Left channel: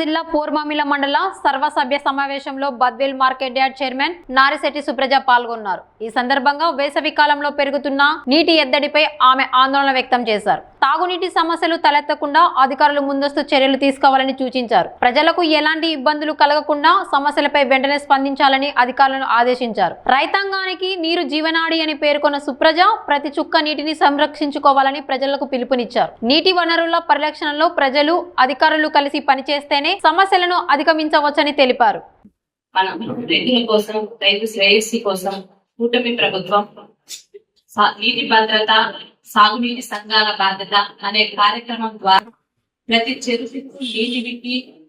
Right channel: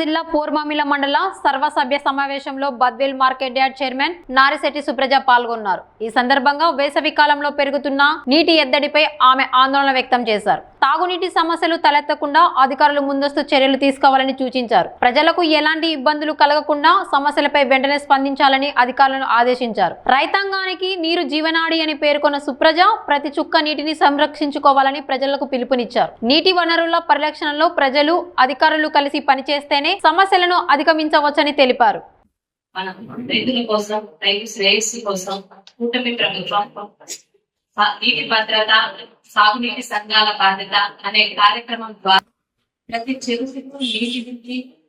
జిల్లా పోర్మామిల మండల సర్వసభ్య సమావేశంలో Badvel market yard chairman Narisetti Supraja పాల్గొన్నారు. ఈ సందర్భంగా వేసవి కాలంలో పెరుగుతున్న నీటి ఎద్దడిపై ఆమె ఆందోళన వ్యక్తం చేశారు. తాగునీటి సమస్యలు తలెత్తకుండా అధికారులు ముందస్తు చర్యలు తీసుకోవాలని సూచించారు. ప్రజలకు ఎలాంటి ఇబ్బందులు కలగకుండా సమస్యలపై వెంటనే స్పందించాలని అధికారులను ఆదేశించారు. రైతాంగానికి నీరు జీవనాడి అని పేర్కొన్న సుప్రజ ప్రతి చుక్క నీటిని సంరక్షించుకోవాలని ప్రజలకు పిలుపునిచ్చారు. నీటి వనరుల పరిరక్షణలో ప్రజలు అధికారులు కలిసి పనిచేస్తేనే సమస్యలను అధిగమించవచ్చని తెలిపారు. రైతుల కోసం, రైతు శ్రేయస్సు కోసం కూటమి ప్రభుత్వం నీటి భద్రత, సాగునీటి సంఘాల బాధ్యత అనే కార్యక్రమం ద్వారా ప్రతి చెరువుకు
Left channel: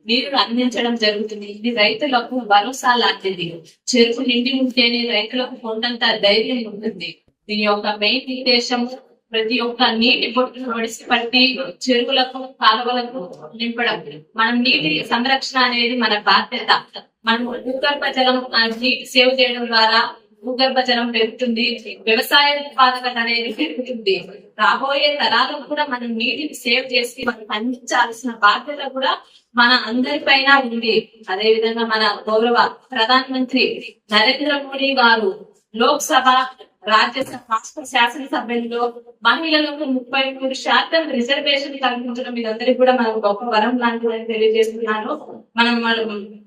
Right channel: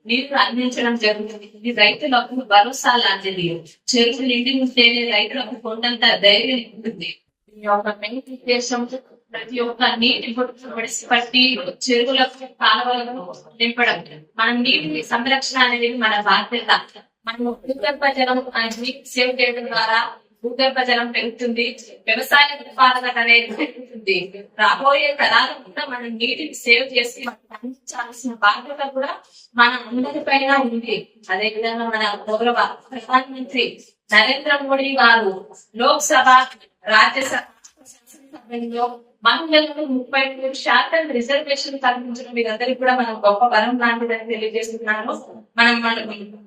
నీరు అందించడం జరుగుతుంది. ఇది రైతులకు భరోసా లాంటిది. చెరువు నిండి ఉంటేనే రైతులకు కొండంత ధైర్యం ఉంటుంది. దీని యొక్క మెయిన్ ఉద్దేశం ప్రతి ఒక్క నీటి బొట్టును ఒడిసి పట్టి చెరువులకు, కాలువలకు నింపడం. మనం నీటి సంరక్షణ అనేది మన బాధ్యత. మనం భూగర్భ జలం నీటి సేవ్ చేయడం ద్వారా భూగర్భ జలం పెరుగుతుంది, వ్యవసాయ ఉత్పాదకత అనేది పెరుగుతుంది. రాబోయే తరాలకు కూడా మనం నీటిని సేవ్ చేసి మనం అందించాల్సిన బాధ్యత కూడా మన అందరిపైన ఉంది. అదే విధంగా మన గౌరవ ప్రధానమంత్రి నరేంద్ర మోడీ గారు లోక్సభ, రాజ్యసభ, శాసనసభ్యుల్లో మహిళలకు 33% రిజర్వేషన్ కల్పించడం మీరందరికీ కూడా మనం గొప్ప వరం లాంటిదని తెలియజేస్తున్నాను. మనం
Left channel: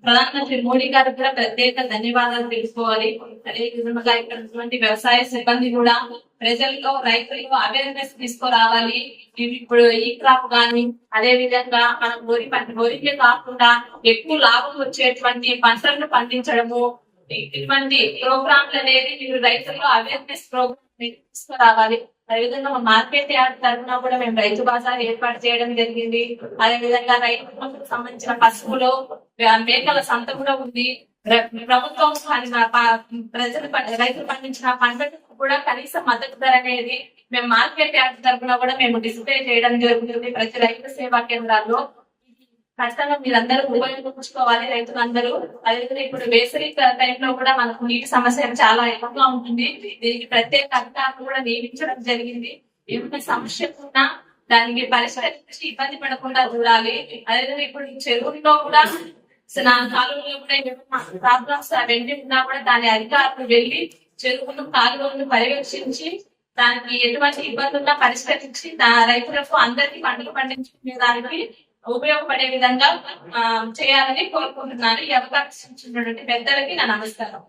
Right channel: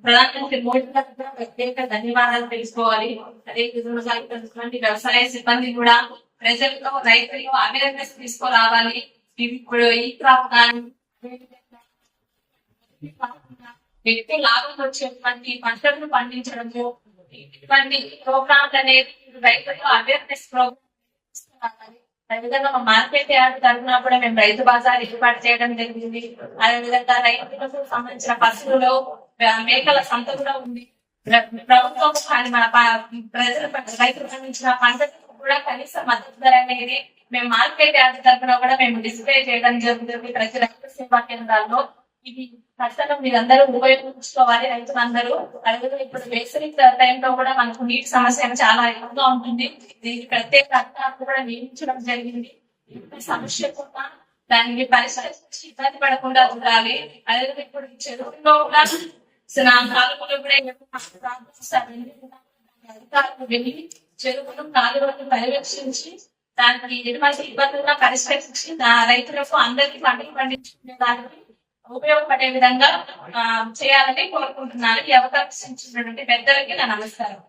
ప్రధానమంత్రి మోడీ గారికి కూడా ప్రత్యేక ధన్యవాదాలు తెలుసుకోవాలి. అదే విధంగా ఇక్కడ వ్యవసాయ సిబ్బంది కూడా ప్రజల్లో, రైతుల్లో అవేర్నెస్ తీసుకురావాలి. ఇప్పుడు ఈ క్రాప్ గాని, అదే విధంగా మనం వరికే కాకుండా ఎక్కువ లాభం వచ్చేటువంటి పంటలను పండించడము, ఇటువంటి ప్రోగ్రాంలు అనేది మీరు రైతుల్లో అవేర్నెస్ ప్రోగ్రామ్ తీసుకురావాలి. అదేవిధంగా మా మార్కెట్ యార్డ్ తరఫున కూడా మేము రైతు బజార్ ఏర్పాటు చేయడం జరిగింది. అదేవిధంగా రైతులకు సంబంధించిన పశువులు, మేకల సంత కూడా ఉంది. ప్రభుత్వం రైతులు పండించిన పంటకు కూడా కనీస మద్దతు ధర అనేది మేము మార్కెట్ యార్డ్ తరఫున కూడా మేము డిస్ప్లే చేయడం జరుగుతుంది ప్రతి రైతు సేవా కేంద్రాల్లో. ఇది ఖచ్చితంగా మీరందరూ ఉపయోగించుకోవాలి, రైతులందరూ. అదేవిధంగా ఇప్పుడు వేసవి టైంలో కూడా మనకు నీటి సమస్య చాలా ఎక్కువగా ఉంటుంది. దీనికి ప్రత్యేక అధికారులు కూడా నియమించడం జరిగింది. ఏమైనా సమస్య ఉన్నా దానికి పరిష్కరించి ఇబ్బంది పడకుండా చూడాలి. అదేవిధంగా ఇప్పుడు చెరువుల్లో కూడా కాలువలో కూడా ఏమైనా ప్రాబ్లమ్స్ వెండి ఉన్నా కూడా దాని అధికారులు వెళ్లి చెరువును, కాలువలను పర్యవేక్షించి దానికి ఎటువంటి ఇబ్బంది ఉన్నా పరిష్కరించి రైతులకు అందరికీ పంటలు పండించుకునే దానికి ఉపయోగపడే విధంగా చేయాలని కోరుకుంటున్నాను. ఈ అవకాశం ఇచ్చినటువంటి పెద్దలకి నా నమస్కారం.